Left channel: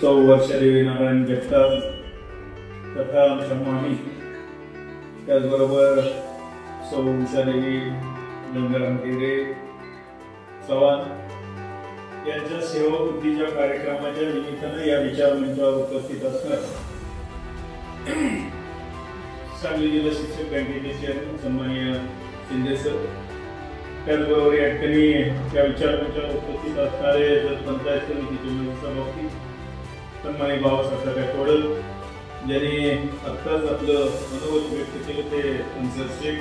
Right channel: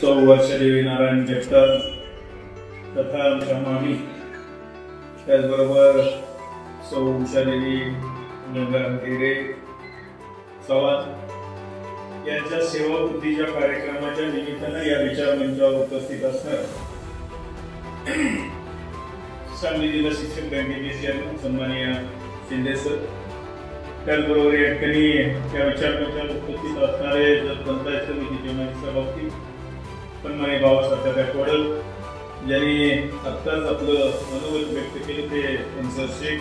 सौ वर्षदेवी नारायण जगताप तथा आमच्या मामी, त्याचबरोबर सौ उषादेवी गंगाराम गिरे चव्हाण यांच्या सेवावृत्तीच्या कार्यक्रमाच्या निमित्तानं या विचारमंचावर उपस्थित असणार सांगली जिल्हा शिक्षक बँकेचे चेअरमन सन्माननीय शिंदे सर, त्याचबरोबर या ठिकाणी या विचारमंचावर उपस्थित असणारे पंचायत समितीचे सभापती सन्माननीय बाबासाहेब गायकवाड, ज्यांनी आत्ताच आपलं मनोगत व्यक्त केलं ते अन्सर शेख,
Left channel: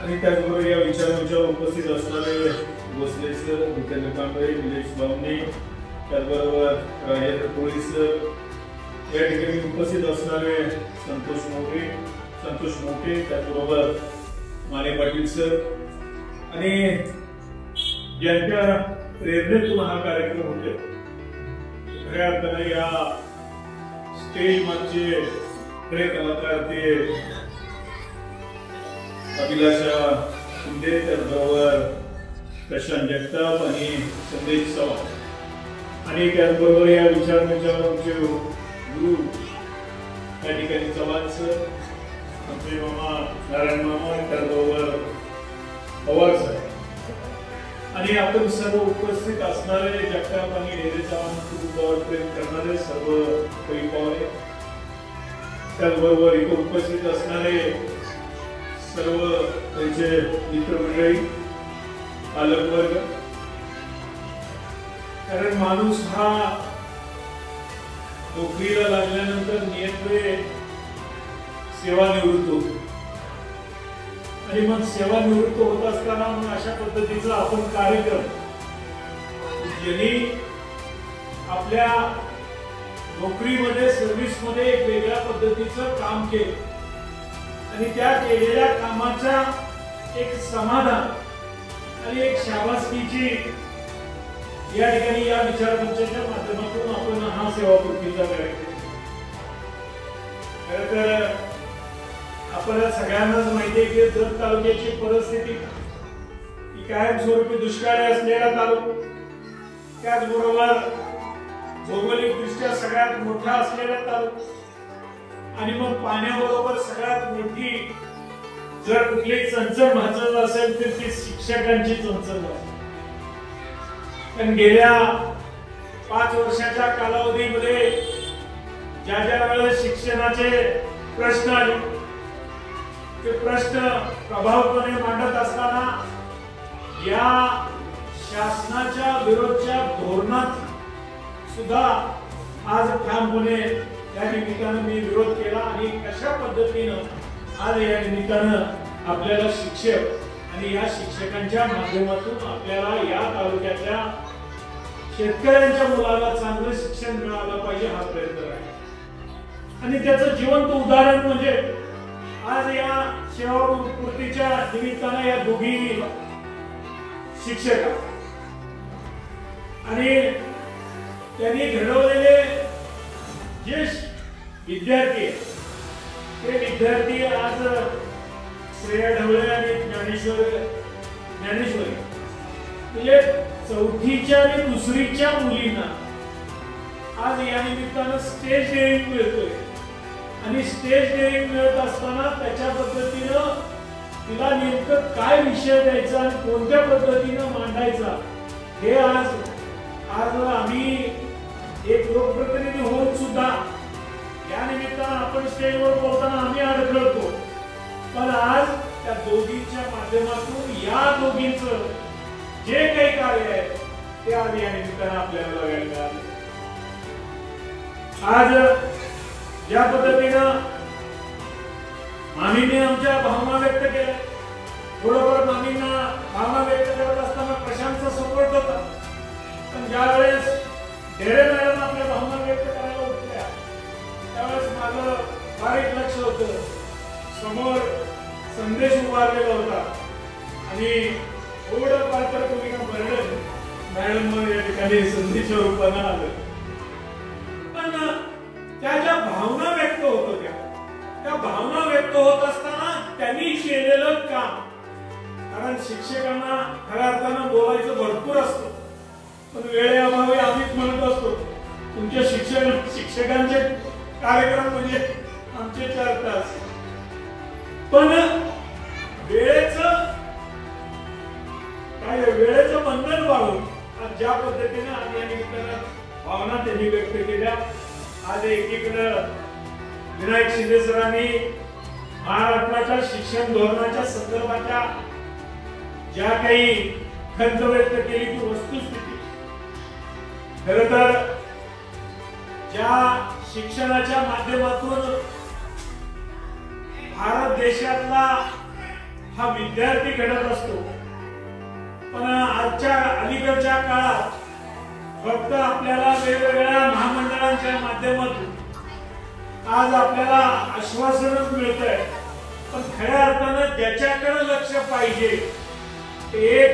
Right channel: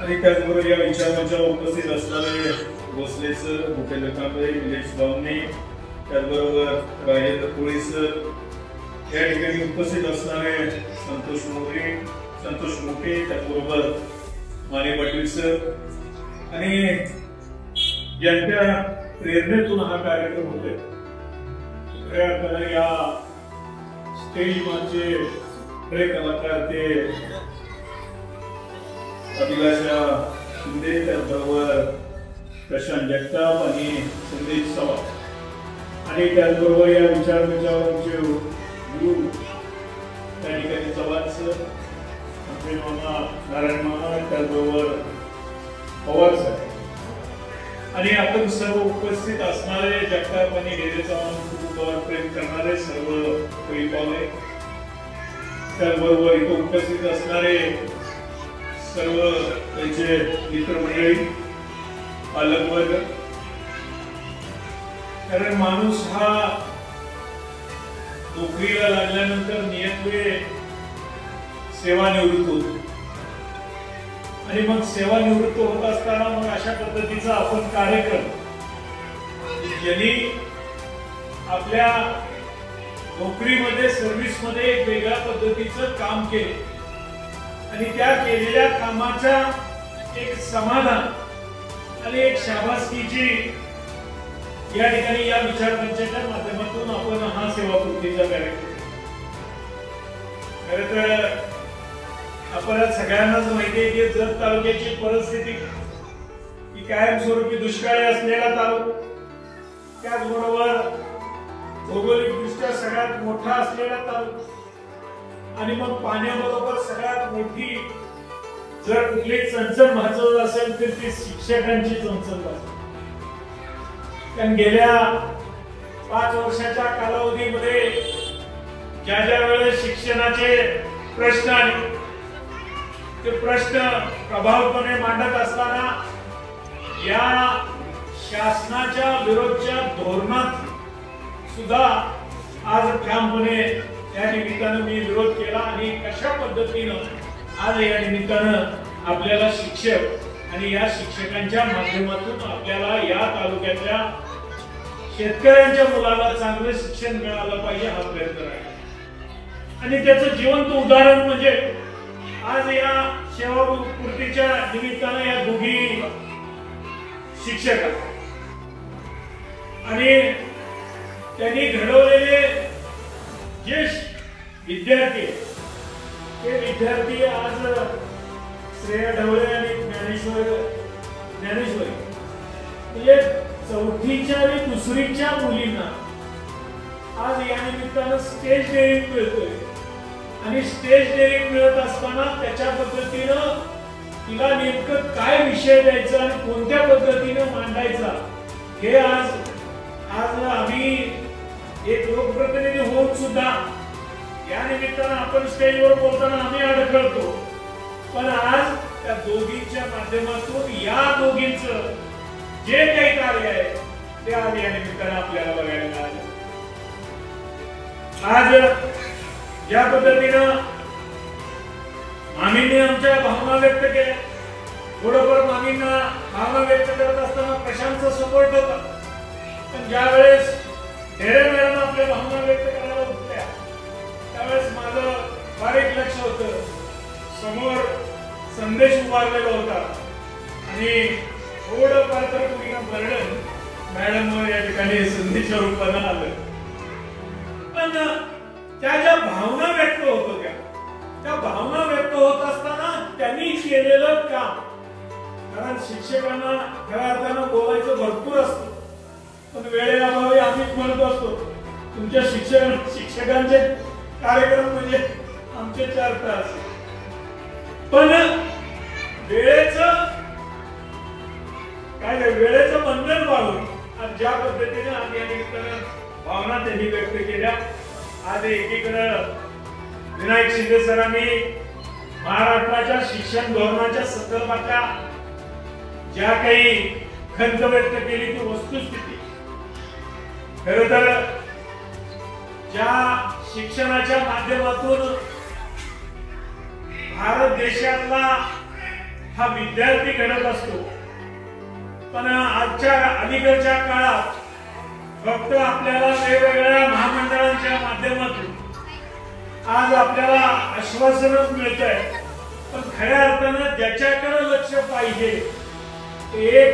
आणि त्याचबरोबर या विचारमंचावर उपस्थित असणारे भोसले सर, भूपेंद्र कांबळे, निलेश बावणे, त्याचबरोबर राजेंद्र कोळी सर, या ठिकाणी उपस्थित असणारे संतोष मोठे, त्याचबरोबर माने पाटील सर, आणि ज्यांच्या प्रेरणेतून हा कार्यक्रम होते खऱ्या अर्थाने या स्टेज मागचे खरे कलाकार ते अभिलाषा शिंदे, त्याचबरोबर प्रशांत जगताप आणि संदेश चव्हाण, आणि त्याचबरोबर या विचारमंचावर आमचे गुरु त्या ठिकाणी चव्हाण सर, आमचे मामा नारायण मामा, त्याचबरोबर पवार सर, आणि आपण सर्व उपस्थित असणारे जगताप आणि ढेरे चव्हाण प्रेम करणारे सर्व परिपावले, त्याचबरोबर इथे उपस्थित असणारे सर्व त्यांचे मित्रमंडळी, पालकवर्ग, कारण माणूस हा नोकरीला लागल्यानंतर नियतवे सेवानिवृत्त होतो, आणि मग सेवानिवृत्त होत असताना मग अशा पद्धतीचा आपण कार्यक्रम ज्यांनी आपल्या नोकरीमध्ये सर्व्हिसमध्ये एक वेगळ्या पद्धतीचं काम केलं आणि त्या केलेल्या कामाच्या एक समाधान आणि एक शाबासकीची या ठिकाणी या विचारमंचाच्या माध्यमातून आपण हा सेवापूर्तीचा कार्यक्रम खरं तर आपल्याला सगळ्यांनाच माहिती आहे की जत तालुक्याची परिस्थिती ही कायमस्वरूपी दुष्काळी असलेला तालुका, त्याचबरोबर भौगोलिकदृष्ट्या सगळ्यात मोठा असलेला तालुका, आणि मग पाण्याबरोबर सगळ्यात मोठी जर कुठली चणचण भासत असेल तर ती शिक्षकांची चणचण भासत. कारण गेल्या 5 वर्षाच्या कालावधीमध्ये ज्या ज्या वेळेस शिक्षणाचे प्रश्न आले ते प्रश्न प्रभावीपणे मांडत असताना या शासनाच्या विरोधच्या धोरणात सुद्धा आज ठामपणे या निमित्तानं मी विरोध केला, आणि कशा पद्धतीनं आज या निमित्तानं आपल्याला शिक्षक आणि या शिक्षकांच्या माध्यमातून आपल्याला या तालुक्यातल्या शेतकऱ्यांच्या मुलाला चांगले शिक्षण मिळालं पाहिजे हा प्रयत्न आहे. आणि त्याचं जिवंत उदाहरण म्हणजे आज या सेवापूर्तीच्या निमित्तानं या दोघी शिक्षक आणि त्यांनी घडवलेले जे विद्यार्थी ते विद्यार्थी आज श्रेया ढवळे आणि ज्ञानेश्वरी म्हणजे 4थीच्या आणि 2रीच्या मुलींना आज या निमित्तानं स्टेज डेअरिंग मिळतोय, आणि स्टेज डेअरिंग मिळत असताना त्याच्या पद्धतीनं तिला नेमकं काय विषय द्यायचा आणि कोणत्या पद्धतीनं मांडायचा हे आज आम्ही एक लोकप्रतिनिधी होऊन सुद्धा या निमित्तानं आपण स्टेजवर बोलताना आम्ही अडखळतो, पण आज त्या दोघींच्या माध्यमातून या दोघींचं जे काही कार्य आहे ते आज या निमित्तानं आपल्याला बघायला मिळालं. आज ज्या पद्धतीनं मामींनी आमच्या भावना व्यक्त केल्या, थोडंफार मामींना भावना व्यक्त करत असताना प्रशांतचा सपोर्ट होता, पण ज्यावेळेस ढेरे मॅडम आपल्या भावना व्यक्त करायला उठल्या त्यावेळेस माझं बारीक लक्ष होतं, समोर संदेश उभारलेला होता, आणि थोडं पात्र पूर्ण बर्डन मॅडम या ठिकाणी संदेशच्या रूपानं आलं, पण त्या ज्या भावना व्यक्त होत होत्या त्या भावना व्यक्त होत असताना त्यांनी केलेलं काम, कारण शिक्षकांना खऱ्या अर्थानं बोलायचं भरपूर असतं, पण वेळेअभावी आम्हीच म्हणत असतो तुमच्या शिक्षकांचे कार्यक्रम म्हणजे आमचे 4 तास, पण वेळेचं बंधन पाळून आज ज्या पद्धतीने आम्ही भावना त्यांनी व्यक्त केल्या. आज एकीकडे विनायक शिंदे सरांनी महाराष्ट्राच्या शिक्षण धोरणाच्या संदर्भातल्या ज्या काही खंत व्यक्त केली ती वस्तुस्थिती, खरं तर ज्या शिक्षणाच्या माध्यमातून भारत देशातला हा विद्यार्थी घडत असतो, पण आजच्या अलीकडच्या काळात फक्त आपल्याला वेगवेगळ्या महामंडळांच्या माध्यमातून आज आपल्याला आश्वासनच मिळत आहे, पण खऱ्या अर्थानं ज्याच्याकडे लक्ष पाहिजे एक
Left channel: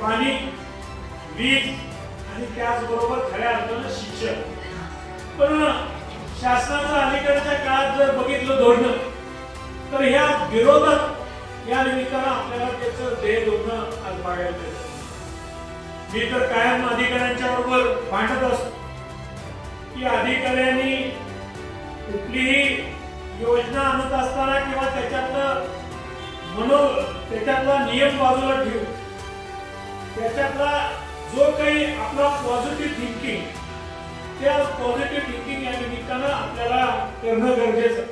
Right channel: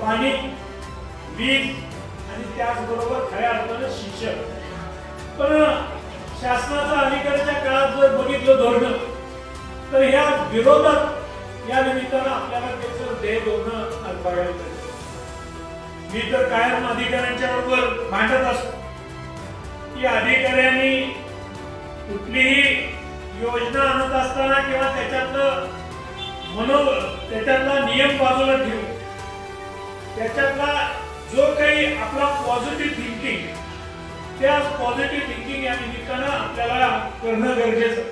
पाणी, वीज आणि त्याचबरोबर खऱ्या अर्थानं शिक्षण. पण शासनाचं अलीकडच्या काळात जर बघितलं धोरण तर ह्या विरोधात या निमित्तानं आपल्याला त्याचं ध्येय धोरण आज बघायला मिळतं. मी तर कायम अधिकाऱ्यांच्या बरोबर भांडत असतो की अधिकाऱ्यांनी कुठलीही योजना आणत असताना किंवा त्याच्यातला नियम बाजूला ठेवून त्याच्यातला जो काही आपला पॉझिटिव्ह थिंकिंग, त्या पॉझिटिव्ह थिंकिंग या निमित्तानं आपल्याला करणं गरजेचं.